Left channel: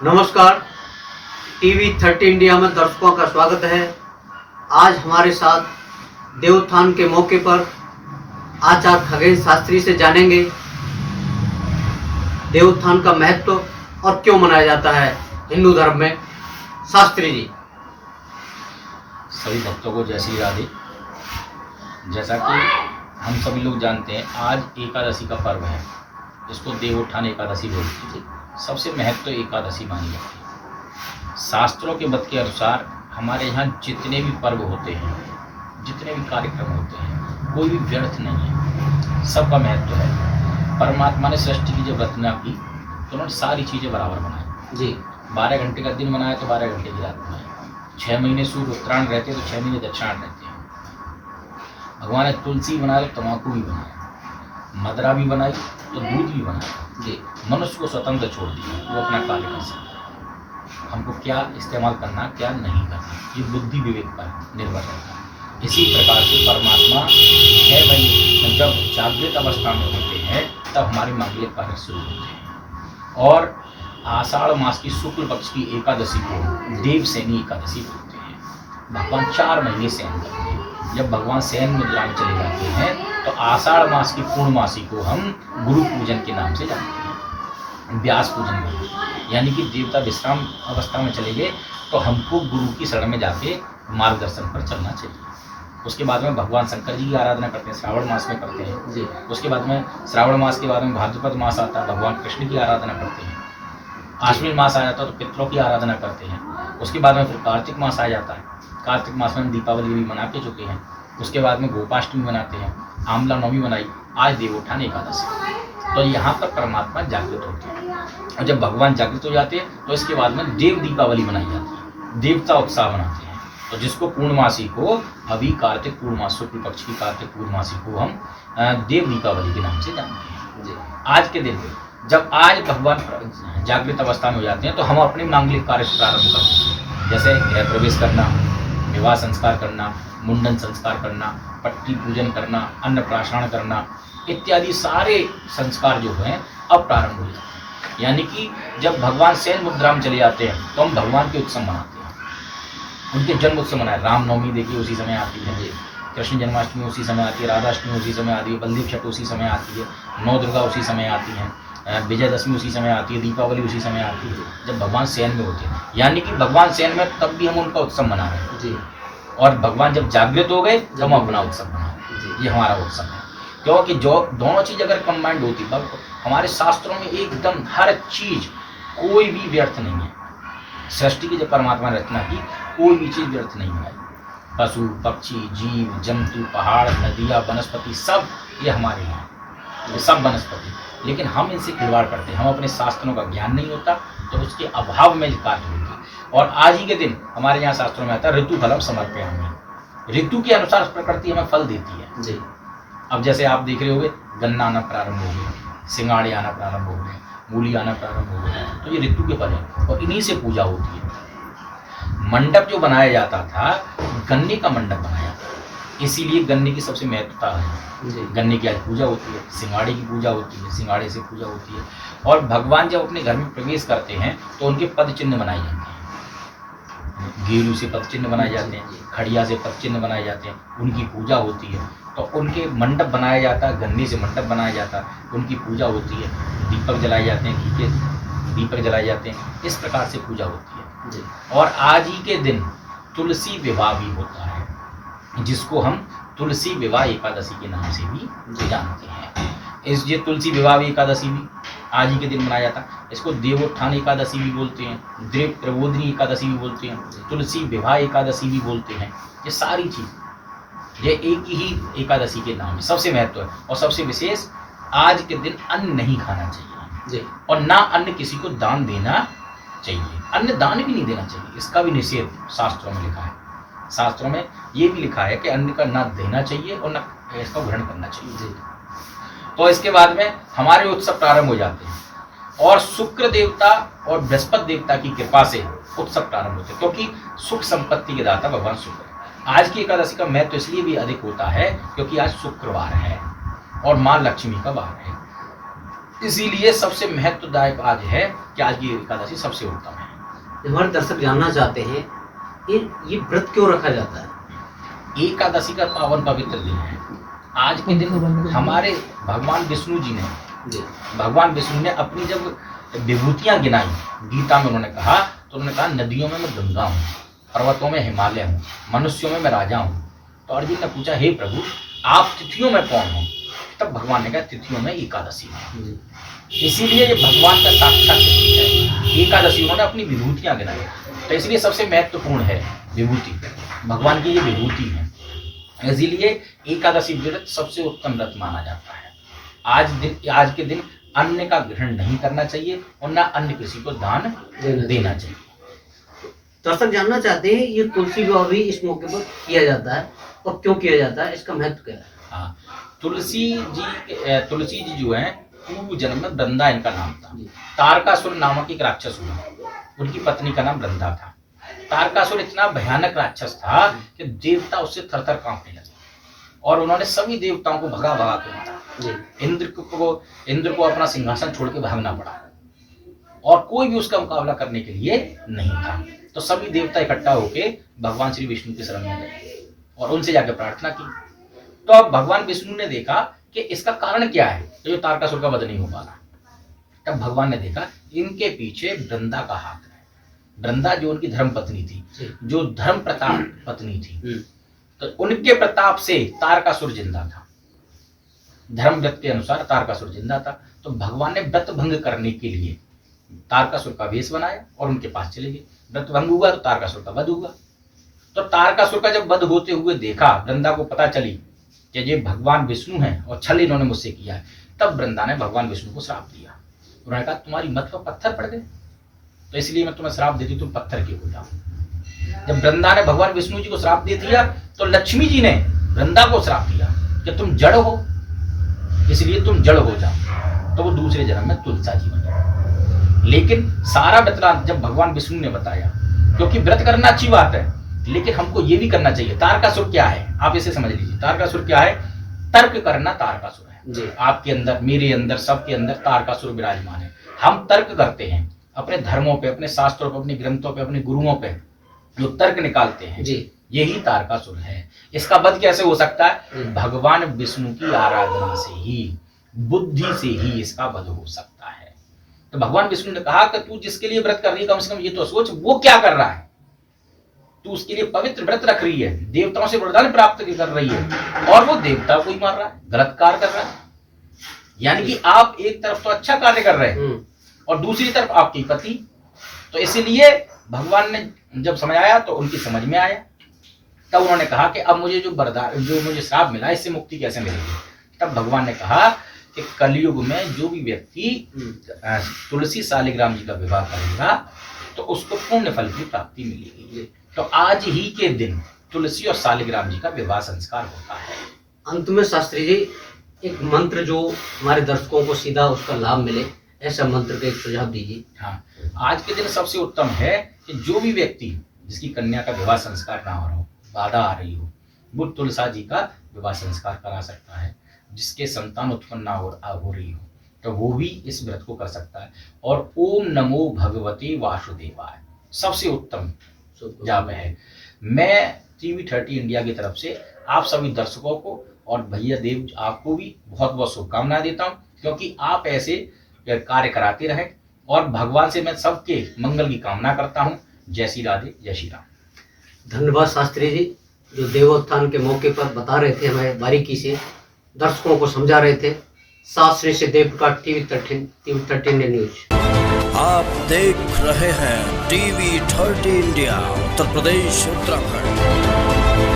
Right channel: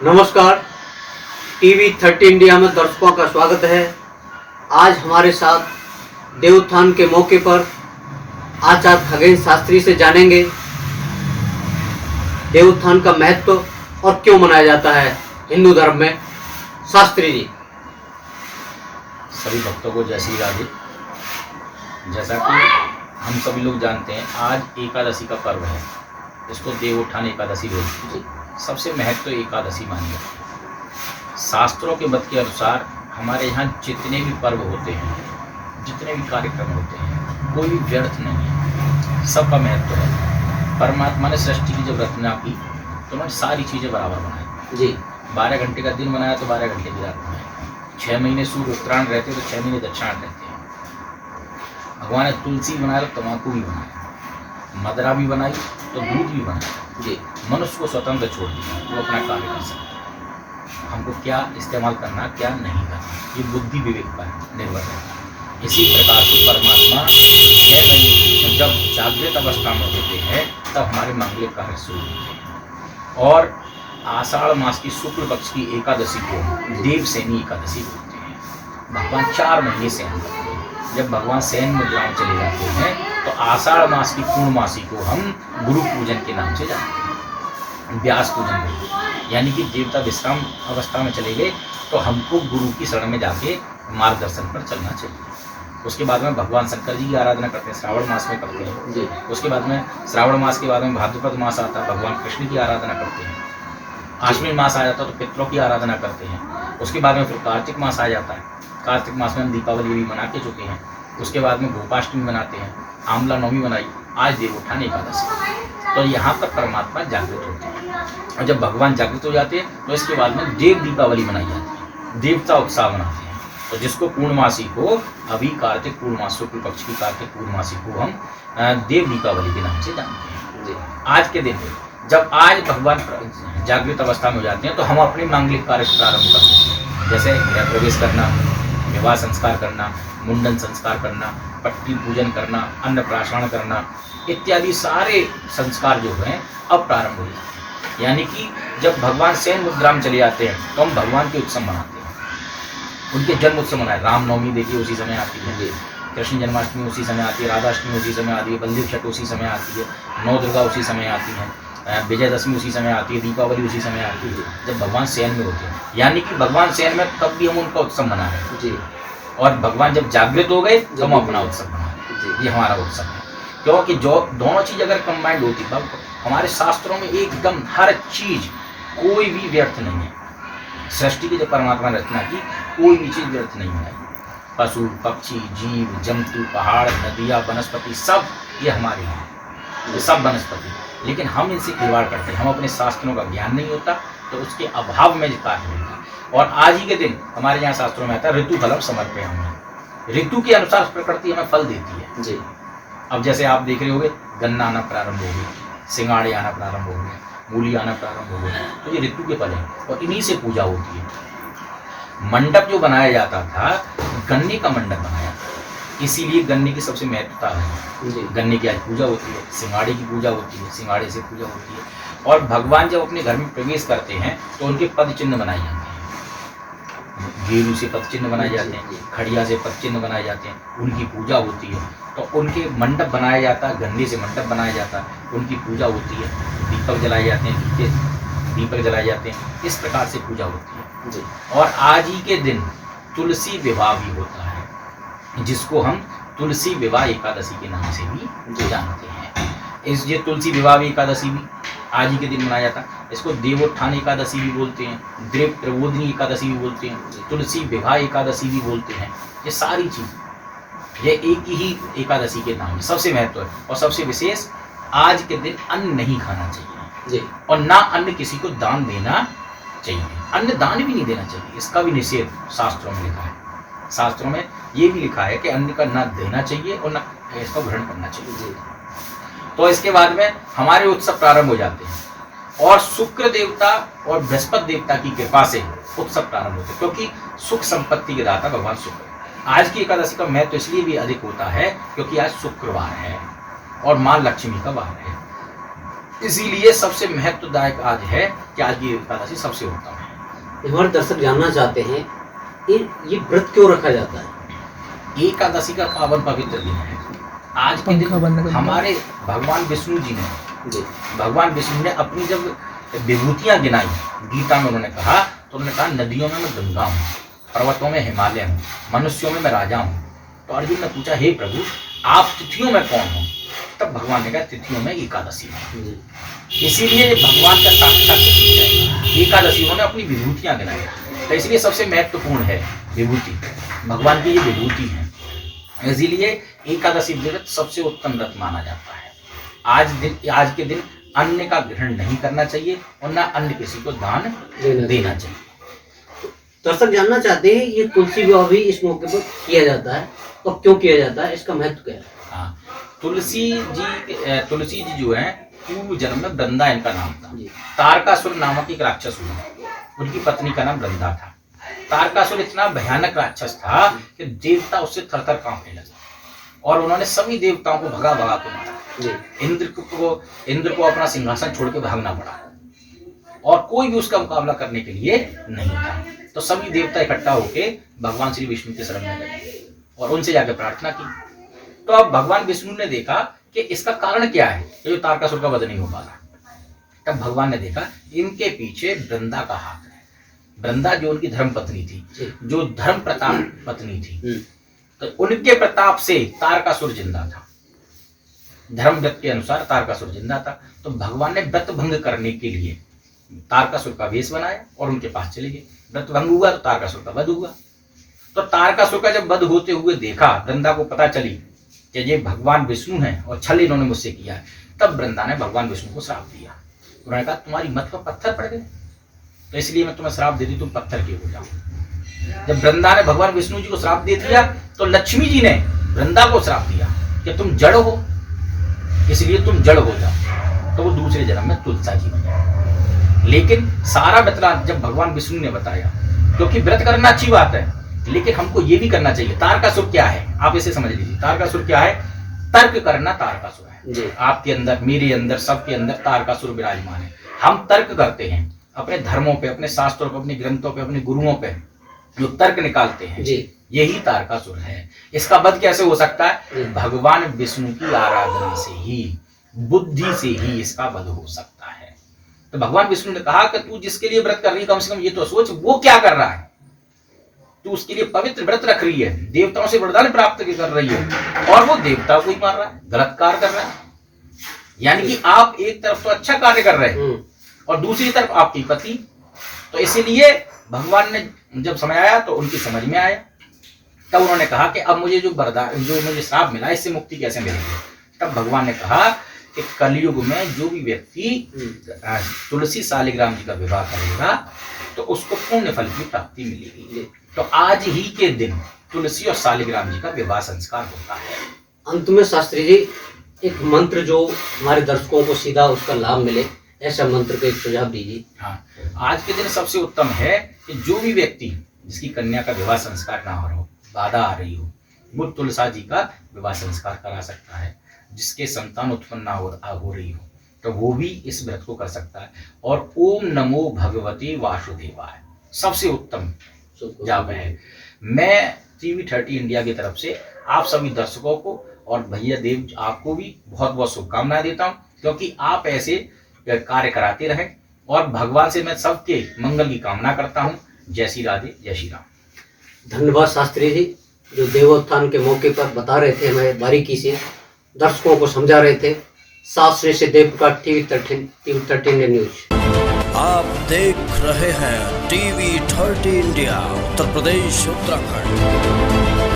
नमस्कार। TV 30 India में दर्शकों का स्वागत है। आज हमारे साथ देवोत्थान के मौके पर आचार्य खगेन शास्त्री से जानेंगे देवोत्थान का महत्व और क्यों मनाया जाता है हिंदू धर्म में। शास्त्री जी। सभी भक्तों को जय श्री राधे। जैसा कि हम सभी लोग जानते हैं, आज एकादशी का पर्व है। इसको देवोत्थान एकादशी बोलते हैं। सबसे महत्व एकादशी मानी जाती है। शास्त्रों के मत के अनुसार हमारे यहाँ जितने भी पर्व होते हैं, जितने भी कार्यक्रम होते हैं, कोई भी व्यर्थ नहीं है, सबका महत्व है। परमात्मा ने सृष्टि की जब रचना की तो उन्होंने सारी चीज़ें बराबर बनाई जी। 12 घंटे का दिन बनाया तो 12 घंटे की रात बनाई। 6 महीने सूर्य उत्तरायण रहते तो 6 महीने दक्षिणायन रहते हैं। भगवान ने तुलसी बनाया तो तम्बाकू भी बनाया, मदरा भी बनाई तो दूध भी बनाया जी। मनुष्य को स्वतंत्र छोड़ दिया, वो अपना कार्य कर सकता है। हमको क्या इस्तेमाल करना, क्या नहीं करना, ये बुद्धि विवेक पर निर्भर है। इसी प्रकार से परमात्मा 6 महीने जब जागृत अवस्था में होते हैं तब हमारे मांगलिक कार्य शुरू होते हैं। और आषाढ़ मास की शुक्ल पक्ष की एकादशी को देवसेनी एकादशी बोलते हैं। भगवान 4 महीने शयन करते हैं। जब भगवान शयन मुद्रा में चले जाते हैं तो आषाढ़ मास की पूर्णमासी को हम गुरु पूजन के नाम से जानते हैं, व्यास पूजन बोलते हैं। यानी कि देवता विश्राम अवस्था में चले गए तो हमको गुरु की शरण में जाके मार्गदर्शन पर चलना चाहिए। उसके बाद में भगवान शंकर जी की आराधना करते हैं, श्रावण मास में करते हैं जी। उसके बाद में श्रावण मास के बाद में भाद्रपद मास आता है, भगवान कृष्ण की आराधना करते हैं। आश्विन मास आ जाता है तो पितरों की आराधना करते हैं। उसके बाद में फिर कार्तिक मास आ जाता है। कार्तिक मास में हम दीपावली भी मना के चुके हैं। उसके बाद में गोपाष्टमी मनाते हैं, आमला नवमी मनाई, आज देवोत्थान एकादशी। तो यहाँ पर परमात्मा जागृत होते हैं। और जब भगवान जागृत हो जाते हैं तो इसके बाद में देव दीपावली मनाई जाती है, देवता उत्सव मनाते हैं। तो जिसको पूर्णमासी को अभी कार्तिक पूर्णमास शुक्ल पक्ष की कार्तिक पूर्णमासी को हम देव दीपावली के नाम से जानते हैं। आज के दिन जब आज भगवान जागृत अवस्था में हो जाते हैं तो हम अपने मांगलिक कार्य प्रारंभ करते हैं। जैसे गृह प्रवेश करना, विवाह संस्कार करना, मुंडन संस्कार करना, पट्टी पूजन करना, अन्नप्राशन करना इत्यादि सारे संस्कार जो हैं अब प्रारंभ हो जाते हैं। यानी कि जब भगवान शयन मुद्रा में चले जाते हैं तो हम भगवान के उत्सव मनाते हैं, उनके जन्म उत्सव मनाए। रामनवमी देखिए उसी समय आती है, कृष्ण जन्माष्टमी उसी समय आती है, राधाष्टमी उसी समय आती है, बलदेव छठ उसी समय आती है, नौ दुर्गा उसी समय आती है, विजयदशमी उसी समय आती है, दीपावली उसी समय आती है जब भगवान शयन में होते हैं। यानी कि भगवान शयन में तब भी हम उनका उत्सव मना रहे हैं जी। और भगवान जब जागृत हो गए तो हम अपना उत्सव मना रहे हैं। ये हमारा उत्सव है, क्योंकि जो दोनों चीज़ अगर कंबाइंड होती तब हमारे शास्त्रों में एकदम हर चीज कोई भी व्यर्थ नहीं है। सृष्टि की जब परमात्मा ने रचना की कोई भी चीज व्यर्थ नहीं है। पशु पक्षी जीव जंतु पहाड़ नदियाँ वनस्पति सब ये हमारे हैं, ये सब वनस्पति। लेकिन हम इनसे खिलवाड़ करते हैं, हम अपने शास्त्रों का ज्ञान नहीं होता तो उसके अभाव में कार्य होता है। और आज ही के दिन हमारे यहाँ शास्त्रों में आता है ऋतु फलम समर्पयामि। ऋतु के अनुसार प्रकृति हमें फल देती है जी। अब जैसे आप देख रहे होंगे गन्ना आना प्रारंभ हो गया, सिंगाड़े आना प्रारंभ हो गए, मूली आना प्रारंभ हो गया, तो ये ऋतु के फल हैं और इन्हीं से पूजा होती है। मंडप जो बनाया जाता था गन्ने का मंडप बनाया था, इसीलिए गन्ने की सबसे महत्वता है। गन्ने की आज पूजा होती है, सिंगाड़े की पूजा होती है, सिंगाड़े से पूजा होती है। और भगवान जब अपने घर में प्रवेश करते हैं तो उनके पद चिन्ह बनाए जाते हैं। गेरू से पद चिन्ह बनाए जाते हैं, खड़िया से पद चिन्ह बनाए जाते हैं, उनकी पूजा होती है। तो उनके मंडप बनाया जाता है, गन्ने से मंडप बनाया जाता है, उनकी पूजा होती है, दीपक जलाए जाते हैं, घी के दीपक जलाए जाते हैं, इस प्रकार से पूजा होती है जी। और आज ही के दिन तुलसी विवाह भी होता है, जिसको हम तुलसी विवाह एकादशी के नाम से भी जानते हैं। ये तुलसी विवाह एकादशी भी आज ही के दिन मनाया जाता है। इसको देवोत्थान एकादशी भी बोलते हैं, देव प्रबोधिनी एकादशी भी बोलते हैं, तुलसी विवाह एकादशी भी बोलते हैं। ये सारी चीज़ ये एक ही एकादशी के नाम है। सबसे महत्व है और सबसे विशेष आज के दिन अन्न नहीं खाना चाहिए जी। और ना अन्न किसी को दान देना चाहिए, अन्न दान भी नहीं देना चाहिए, इसका भी निषेध शास्त्रों में लिखा है। शास्त्रों में ये भी लिखा है कि अन्न का ना देना चाहिए और ना इसका ग्रहण करना चाहिए जी। तो इसके बाद में हमारे उत्सव प्रारंभ हो जाते हैं और शुक्र देवता और बृहस्पति देवता की कृपा से उत्सव प्रारंभ होते हैं, क्योंकि सुख संपत्ति के दाता भगवान शुक्र। आज की एकादशी का महत्व इसलिए भी अधिक होता है क्योंकि आज शुक्रवार है और माँ लक्ष्मी का वार है। इसीलिए सबसे महत्वदायक आज है कि आज की एकादशी सबसे उत्तम है। हमारे दर्शक जानना चाहते हैं ये व्रत क्यों रखा जाता है? एकादशी का पावन पवित्र दिन है। आज के दिन हमारे भगवान विष्णु जी ने भगवान विष्णु ने अपनी जब विभूतियां गिनाई, गीता में उन्होंने कहा, तो उन्होंने कहा नदियों में मैं गंगा हूँ, पर्वतों में हिमालय हूँ, मनुष्यों में मैं राजा हूँ। तो अर्जुन ने पूछा, हे प्रभु आप तिथियों में कौन हो? तब भगवान ने कहा तिथियों में एकादशी है। इसीलिए ये भगवान का साक्षात प्रतीक है। एकादशी उन्होंने अपनी विभूतियां गिनाई, तो इसलिए सबसे महत्वपूर्ण है विभूति, भगवान की ये विभूति है। इसीलिए एकादशी व्रत सबसे उत्तम व्रत माना जाता है। आज के दिन अन्न का ग्रहण नहीं करना चाहिए और न अन्य किसी को दान देना चाहिए। दर्शक जानना चाहते हैं ये तुलसी विवाह भी इस मौके पर किया जाता है, और क्यों किया जाता है, इसका महत्व क्या है? हाँ, तुलसी जी जो है पूर्व जन्म में वृंदा इनका नाम था। तारकासुर नामक एक राक्षस हुआ, उनकी पत्नी का नाम वृंदा था। तारकासुर इतना भयानक राक्षस था कि देवता उससे थरथर कांपने लगे और उन्होंने सभी देवताओं को भगा के मारा। इंद्र को अपना सिंहासन छोड़ के भागना पड़ा और कोई भी उसका मुकाबला करने के लिए नहीं था। तो सभी देवता इकट्ठा होके भगवान श्री विष्णु के शरण में गए और उनसे जाके प्रार्थना की। तो अब भगवान विष्णु ने देखा कि इसका कारण क्या है, ये तारकासुर का वध नहीं हो पा रहा। तब भगवान ने देखा इनके पीछे वृंदा का हाथ है। वृंदा जो उनकी धर्म पत्नी थी, जो धर्म प्रताप पत्नी थी, तो उनके प्रताप से तारकासुर जिंदा था। धर्म व्रत के अनुसार तारकासुर जिंदा था। तो भगवान ने व्रत भंग करने के लिए तारकासुर का वेश बनाया और उनके पास चले गए। व्रत भंग हुआ तो तारकासुर का वध हुआ। तो तारकासुर का जब वध होते हुए देखा, वृंदा को पता चली कि ये भगवान विष्णु हैं और छल इन्होंने मुझसे किया है, तब वृंदा ने भगवान विष्णु को श्राप दिया। उन्होंने कहा तुम्हारी मत पर पत्थर पड़ गए, तो इसलिए मैं तुम्हें श्राप देती, तुम पत्थर के हो जाओ। जब वृंदा ने भगवान विष्णु जी को श्राप दे दिया तो लक्ष्मी जी ने वृंदा को श्राप दिया कि तुम जड़ हो, इसलिए तुम जड़ हो जाओ। तो वो दूसरे जन्म में तुलसा जी बन गए। लेकिन सारा वृतांत जब भगवान विष्णु ने बताया, क्योंकि व्रत करना अच्छी बात है, लेकिन हमको ये भी करना चाहिए। तारकासुर क्या है आप इसे समझ लीजिए। तारकासुर क्या है? तर्क करना तारकासुर है। आपके अंदर, मेरे अंदर, सबके अंदर तारकासुर विराजमान है। हम तर्क करते हैं अपने धर्मों पे, अपने शास्त्रों पे, अपने ग्रंथों पे, अपने गुरुओं पे जो तर्क निकालते हैं, यही तारकासुर है। इसका वध कैसे हो सकता है? भगवान विष्णु की आराधना से ही, बुद्धि से ही इसका वध हो सकता है। तो भगवान विष्णु ने कहा कि तू जिसके लिए व्रत कर रही है, कम से कम ये तो सोच वो क्या कर रहा है। तू उसके लिए पवित्र व्रत रख रही है, देवताओं से वरदान प्राप्त कर रही है, और वो देवता को ही मार रहा है, गलत कार्य कर रहा है। यानी कि आप एक तरफ तो अच्छा कार्य कर रहे हैं और दूसरी तरफ आपकी पति। तो इसीलिए भगवान ने जब समय आया तो उनकी समझ में आया। तब उन्होंने कहा कि अब मुझे जो मुझे श्राप मिला, इससे मुक्ति कैसे मिलेगी। तब भगवान ने कहा कि कलयुग में जो भी व्यक्ति तुलसी शालिग्राम जी का विवाह करेगा तो उसको पुण्य फल की प्राप्ति मिलेगी। तो आज ही के दिन तुलसी और शालिग्राम जी का विवाह संस्कार होता है। अंत में शास्त्री जी एक मंत्र जो हमारे दर्शकों को सीधा उसका लाभ मिले, ऐसा मंत्र का एक सुझाव दीजिए। हाँ, आज के दिन सबसे उत्तम है कि जो भी व्यक्ति जिसकी कन्या का विवाह संस्कार ना हो रहा हो, बाधा आ रही हो, वो तुलसा जी का विवाह संस्कार करा सकता है। जिसके संतान उत्पन्न ना हो रही हो तो वो भी इस व्रत को कर सकता है। और ओम नमो भगवते वासुदेवाय सबसे उत्तम जाप है। मैं TV30 इंडिया की तरफ से आप सभी दर्शकों को और भैया देव आपको भी बहुत बहुत शुभकामनाएं देता हूं, क्योंकि आप ऐसे कार्य कराते रहें और भगवान से मैं सबके मंगल की कामना करता हूं। जय श्री राधे, जय श्री राम। धन्यवाद शास्त्री जी, जो देवोत्थान के मौके पर बता रहे थे, हमें बारीकी से दर्शकों को समझा रहे थे। शास्त्री से देवप्रकाश TV13 न्यूज। आप देख रहे हैं TV30 इंडिया, उत्तर प्रदेश, उत्तराखंड।